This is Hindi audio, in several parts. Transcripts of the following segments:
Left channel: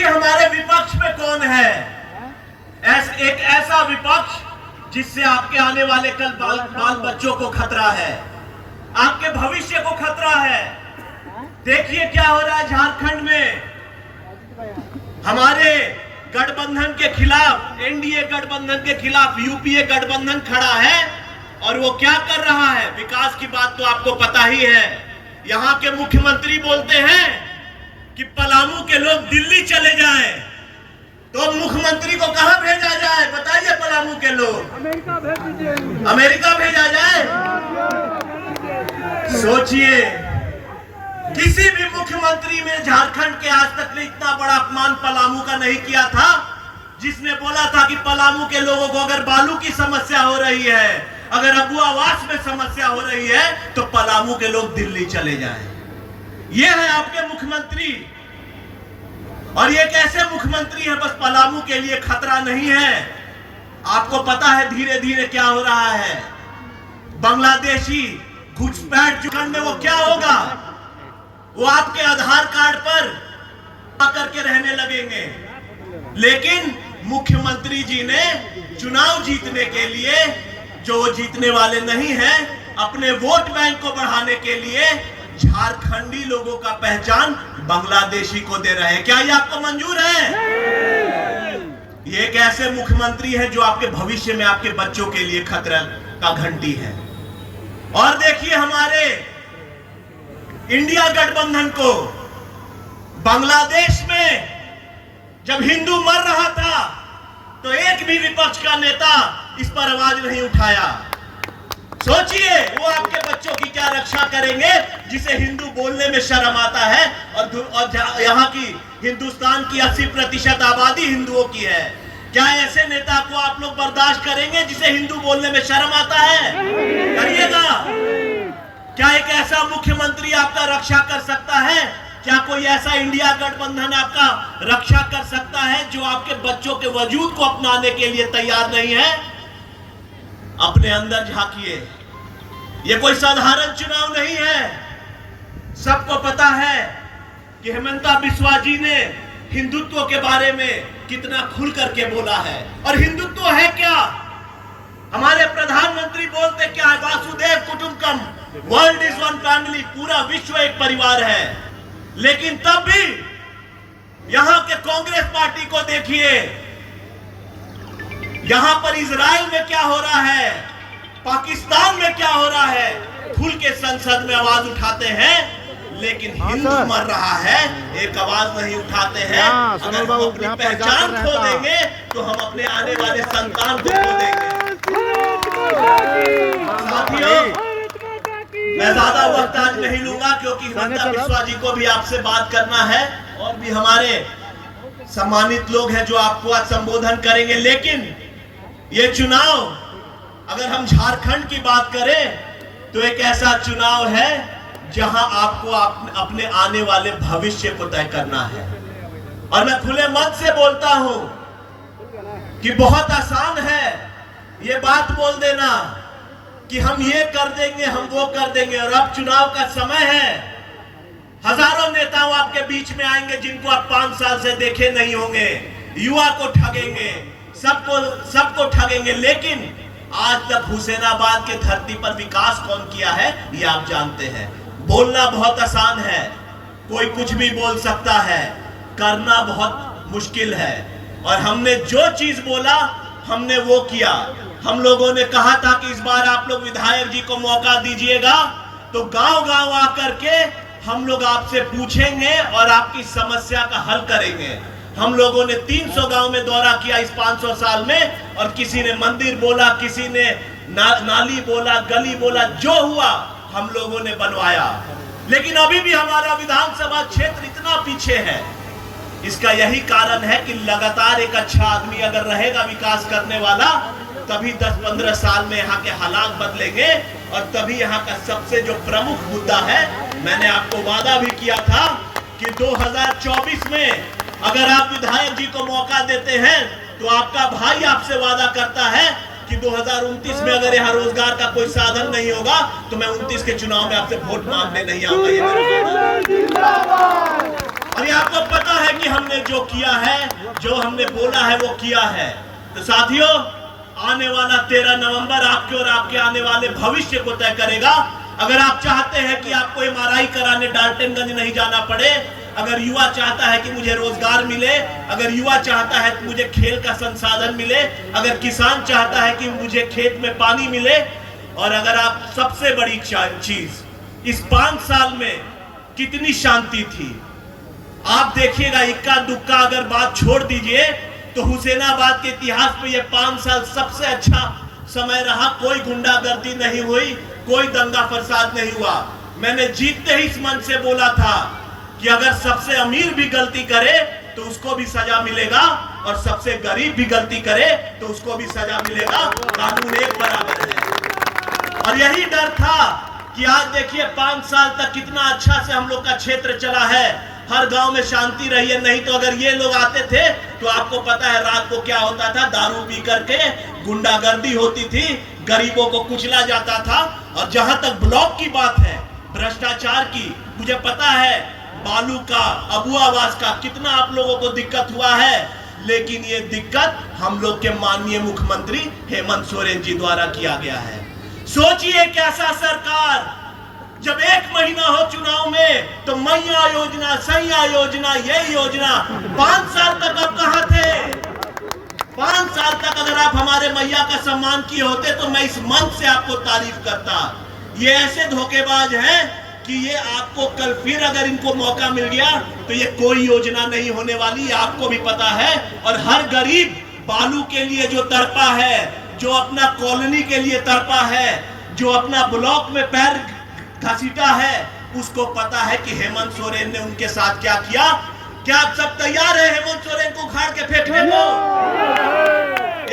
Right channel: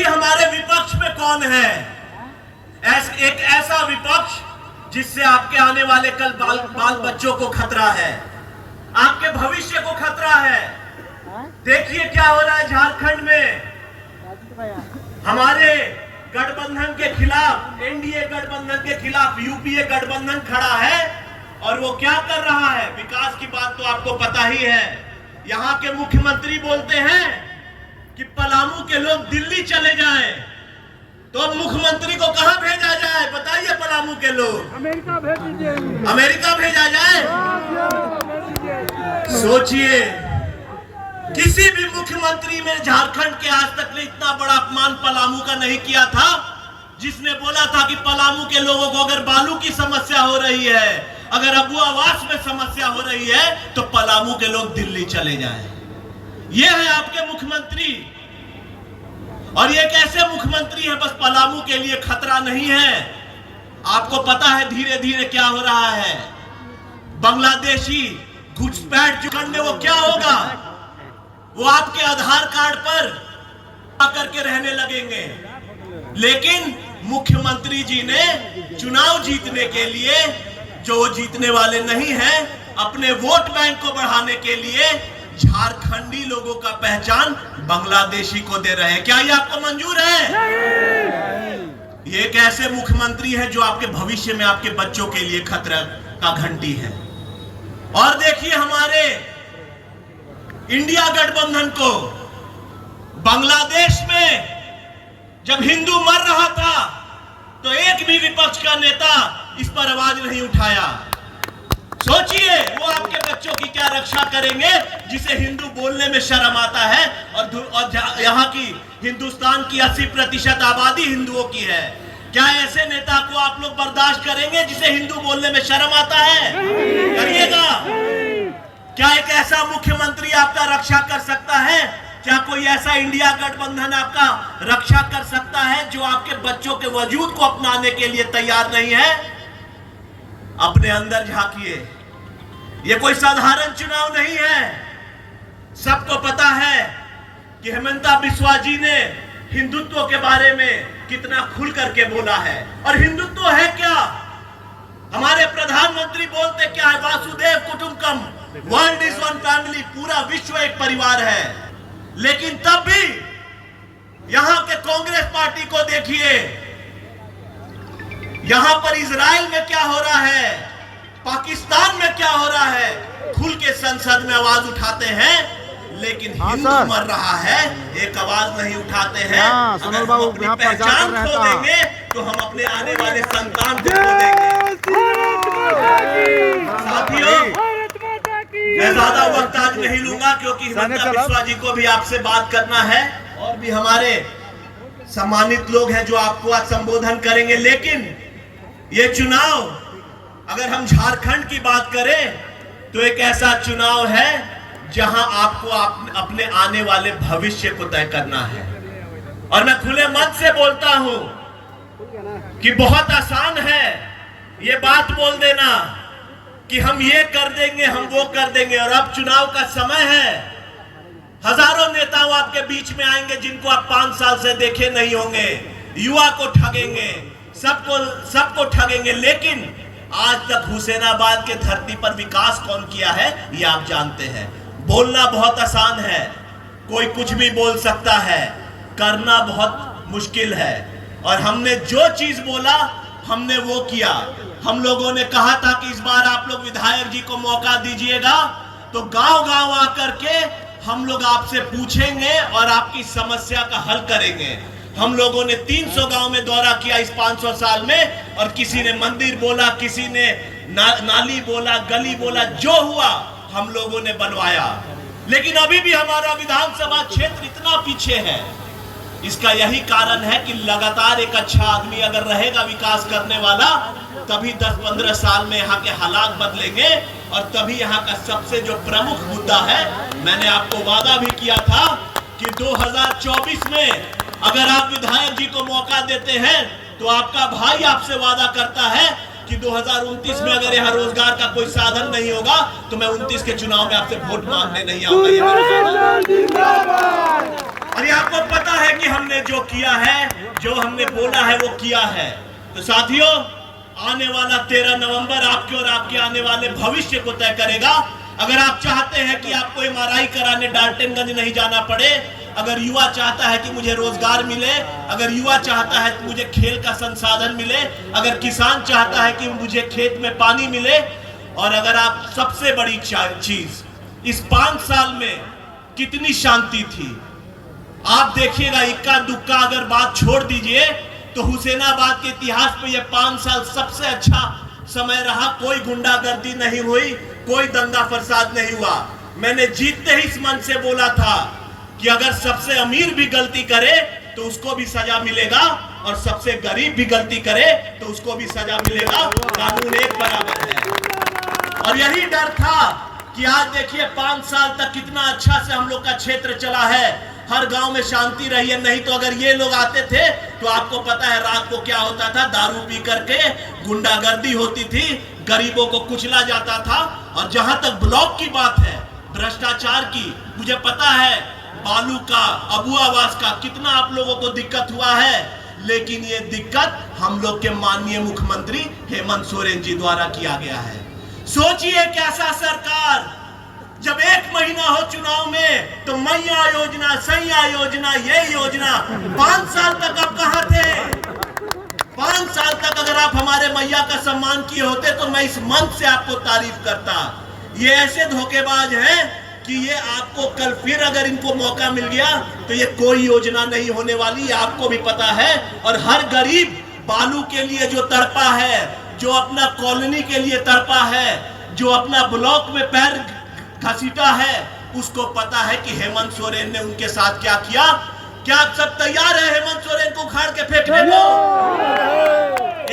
सोचिए हमारे विपक्ष में कौन है, एक ऐसा विपक्ष जिससे आपके आने वाले कल बाल बच्चों को खतरा है, आपके भविष्य को खतरा है। देखिए क्या हो रहा है झारखंड में, हमारे गठबंधन के खिलाफ, एनडीए गठबंधन के खिलाफ यूपीए गठबंधन खड़ा है और वो क्या कर रहा है। विकास की बात तो आपको पता ही है। यहाँ के मुख्यमंत्री बोलते हैं कि पलामू के लोग दिल्ली चले जाएं, तो मुख्यमंत्री को कहां भेजा जाए बताइए। पलामू के लोग अमेरिका भेजा जाए। सोचिए, किसी भी मुख्यमंत्री ने झारखंड के आज तक ने इतना बड़ा अपमान पलामू का नहीं किया था, जिसने बोला था कि पलामू के लोगों को अगर बालू की समस्या हो रही है, अगर अबू आवास में समस्या हो रही है, तो पलामू के लोग दिल्ली चले जाएं। ये है आपके मुख्यमंत्री, और ये कैसे मुख्यमंत्री है, बस पलामू के लिए खतरा नहीं है। आपको पता है धीरे धीरे क्या हो रहा है। बांग्लादेशी घुसपैठ जुगन में वो क्या होगा, वो आपके आधार कार्ड पर आकर के रहने लगेंगे। लेकिन मुख्यमंत्री जी ने चुनाव जीतने के लिए, जो वो जीतने वाले नहीं हैं, अपने वोट बैंक को बढ़ाने के लिए झारखंडी लोगों का पहचान बांग्लादेशी को दे रहे हैं। क्या ये आपको मंजूर है? ये एक ऐसे मुख्यमंत्री है जो आपके भविष्य में आपके बच्चों के लिए खतरा का घंटी है। और देखिए हमारे इंडिया गठबंधन को, बांग्लादेश में जब हिंदू मर रहा था तो एक भी विपक्ष का नेता इस पर आवाज नहीं उठाया। सोचिए वो आपके बच्चों की क्या रक्षा करेंगे, जिसे हिंदू बोलने में शर्म आता है, और यहाँ की हिंदुस्तान की 80% आबादी हिंदुओं की है। क्या ऐसे नेता को आप लोग बर्दाश्त करेंगे जिसे हिंदू बोलने में शर्म आता है? करिएगा। क्या एक ऐसा मुख्यमंत्री आपका रक्षा कर सकता है? क्या कोई ऐसा इंडिया गठबंधन आपका रक्षा कर सकता है जो आपके बच्चों के वजूद को अपनाने के लिए तैयार नहीं है? अपने अंदर झांकिए, ये कोई साधारण चुनाव नहीं है। सबको पता है कि हेमंता बिस्वा जी ने हिंदुत्व के बारे में कितना खुल करके बोला है। और हिंदुत्व है क्या? हमारे प्रधानमंत्री बोलते क्या है, वासुदेव कुटुंबकम, वर्ल्ड इज वन फैमिली, पूरा विश्व एक परिवार है। लेकिन तब भी यहां के कांग्रेस पार्टी को देखिए, यहां पर इजराइल में क्या हो रहा है, पाकिस्तान में क्या हो रहा है, खुल के संसद में आवाज उठाते हैं, लेकिन हिंदू मर रहा है एक आवाज नहीं उठाते हैं। अगर हम अपनी पहचान खो देंगे तो हम अपने आने वाले संतान को खो देंगे। साथियों, मैं ज्यादा वक्त आज नहीं लूंगा क्योंकि हेमंता बिस्वा जी को भी आपसे बात करना है, और भी हमारे सम्मानित लोग हैं जो आपको आज संबोधन करेंगे। लेकिन ये चुनाव, अगर हम झारखंड की बात करें, तो एक ऐसा चुनाव है जहां आपको अपने आने वाले भविष्य को तय करना है। और मैं खुले मन से बोलता हूं कि बहुत आसान है ये बात बोल देना कि हम ये कर देंगे, हम वो कर देंगे। और अब चुनाव का समय है, हजारों नेताओं आपके बीच में आएंगे जिनको आप 5 साल से देखे नहीं होंगे। युवा को ठगेंगे, सबको ठगेंगे। लेकिन आज तक हुसैनाबाद के धरती पर विकास कौन किया है ये आप जानते हैं। बोलना बहुत आसान है, कोई कुछ भी बोल सकता है, करना बहुत मुश्किल है। और हमने जो चीज बोला हमने वो किया। हम लोगों ने कहा था कि इस बार आप लोग विधायक जी को मौका दीजिएगा, तो गांव-गांव आकर के हम लोग आपसे पूछेंगे और आपकी समस्या का हल करेंगे। हम लोगों ने 300 गांव में दौरा किया इस 500 साल में, और किसी ने मंदिर बोला, किसी ने नाली बोला, गली बोला, जो हुआ हम लोगों ने बनवाया। लेकिन अभी भी हमारा विधानसभा क्षेत्र इतना पीछे है। इसका यही कारण है कि लगातार एक अच्छा आदमी अगर रहेगा विकास करने वाला, तभी 10-15 साल में यहाँ के हालात बदलेंगे। और तभी यहाँ का सबसे जो प्रमुख मुद्दा है, मैंने आपको वादा भी किया था कि 2024 में अगर आप विधायक जी को मौका देते हैं, तो आपका भाई आपसे वादा करता है कि 2029 में अगर यहाँ रोजगार का कोई साधन नहीं होगा, तो मैं 29 के चुनाव में आपसे वोट मांगने नहीं आऊंगा। अरे आपको पता है कि हमने जो किया है, जो हमने बोला है वो किया है। तो साथियों, आने वाला 13 नवंबर आपके और आपके आने वाले भविष्य को तय करेगा। अगर आप चाहते हैं कि आपको MRI कराने डाल्टनगंज नहीं जाना पड़े, अगर युवा चाहता है कि मुझे रोजगार मिले, अगर युवा चाहता है कि मुझे खेल का संसाधन मिले, अगर किसान चाहता है कि मुझे खेत में पानी मिले, और अगर आप सबसे बड़ी चीज, इस 5 साल में कितनी शांति थी आप देखिएगा। इक्का दुक्का अगर बात छोड़ दीजिए तो हुसैनाबाद के इतिहास में ये 5 साल सबसे अच्छा समय रहा। कोई गुंडागर्दी नहीं हुई, कोई दंगा फसाद नहीं हुआ। मैंने जीतते ही इस मन से बोला था कि अगर सबसे अमीर भी गलती करे तो उसको भी सजा मिलेगा, और सबसे गरीब भी गलती करे तो उसको भी सजा मिलेगा। कानून एक बराबर है। और यही डर था कि आज देखिए 5 साल तक कितना अच्छा से हम लोग का क्षेत्र चला है, हर गांव में शांति रही है। नहीं तो अगर ये लोग आते थे तो आपको पता है रात को क्या होता था, दारू पी करके गुंडागर्दी होती थी, गरीबों को कुचला जाता था। और जहां तक ब्लॉक की बात है, भ्रष्टाचार की, मुझे पता है बालू का, अबू आवास का कितना आप लोगों को दिक्कत हुआ है, लेकिन ये दिक्कत हम लोग के माननीय मुख्यमंत्री हेमंत सोरेन जी द्वारा किया गया है। सोचिए कैसा सरकार, जब 1 महीना हो चुनाव में तो मैया योजना, सैया योजना, ये योजना, 5 साल तक आप कहां थे? 5 साल तक अगर आप हमारे मैया का सम्मान किए होते तो मैं इस मंच से आपको तारीफ करता। ये ऐसे धोखेबाज हैं कि ये आपको कल फिर अगर इनको मौका मिल गया तो ये कोई योजना नहीं होने वाली, आपको भी पता है। और हर गरीब बालू के लिए जो तड़पा है, जो अपना कॉलोनी के लिए तड़पा है, जो अपना ब्लॉक में पैर घसीटा है, उसको पता है कि हेमंत सोरेन ने उनके साथ क्या किया। क्या आप सब तैयार हैं हेमंत सोरेन को उखाड़ के फेंकने को?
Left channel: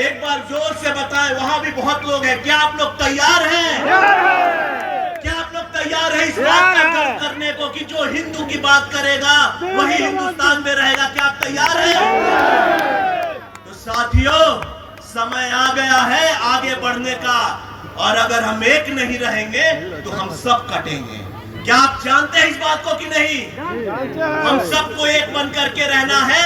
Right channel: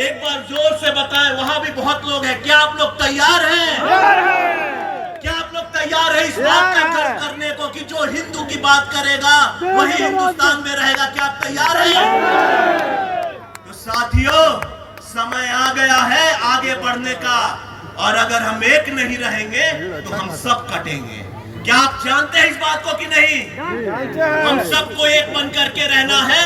एक बार जोर से बताएं, वहां भी बहुत लोग हैं। क्या आप लोग तैयार हैं? क्या आप लोग तैयार हैं इस बात को करने को कि जो हिंदू की बात करेगा वही हिंदुस्तान में रहेगा? क्या आप तैयार हैं? तो साथियों, समय आ गया है आगे बढ़ने का, और अगर हम एक नहीं रहेंगे तो हम सब कटेंगे। क्या आप जानते हैं इस बात को कि नहीं? हम सबको एक बन करके रहना है।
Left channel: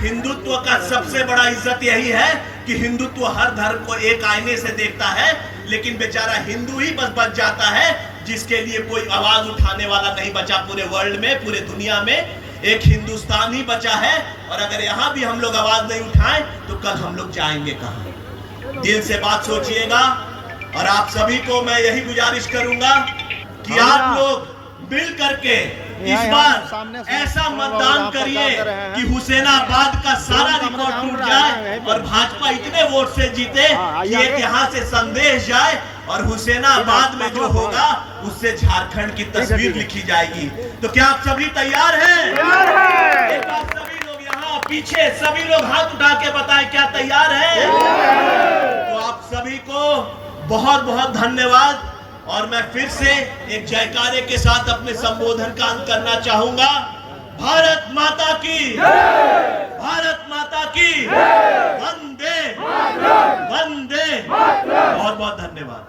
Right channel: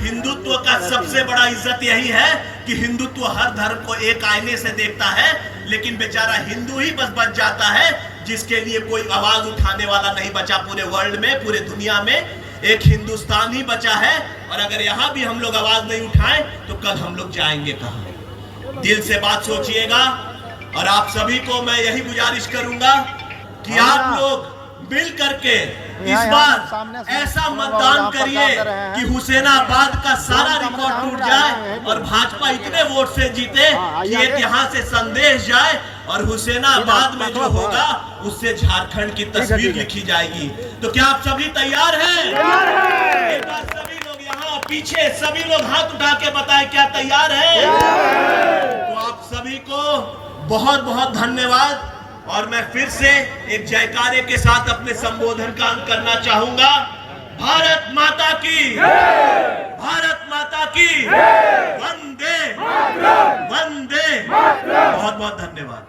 हिंदुत्व का सबसे बड़ा इज्जत यही है कि हिंदुत्व हर धर्म को एक आईने से देखता है, लेकिन बेचारा हिंदू ही बस बच जाता है जिसके लिए कोई आवाज उठाने वाला नहीं बचा। पूरे वर्ल्ड में, पूरे दुनिया में एक हिंदुस्तान ही बचा है, और अगर यहाँ भी हम लोग आवाज नहीं उठाएं तो कल हम लोग जाएंगे कहां? दिल से बात सोचिएगा। और आप सभी को मैं यही गुजारिश करूंगा कि आप लोग मिल करके इस बार ऐसा मतदान करिए कि हुसैनाबाद का सारा रिकॉर्ड टूट जाए और भाजपा इतने वोट से जीते कि एक यहाँ से संदेश जाए, और हुसैनाबाद में जो होगा उससे झारखंड की तस्वीर लिखी जाएगी। तो क्या आप सभी तैयार हैं? एक बार सभी लोग यहाँ पीछे सभी लोग हाथ उठा के बताएं, क्या तैयार है? तो आप सभी को बहुत बहुत धन्यवाद। और मैं फिर से एक जयकारे के साथ अपने संबोधन का अंत करना चाहूंगा। भारत माता की, भारत माता की, वंदे वंदे। बहुत बहुत धन्यवाद।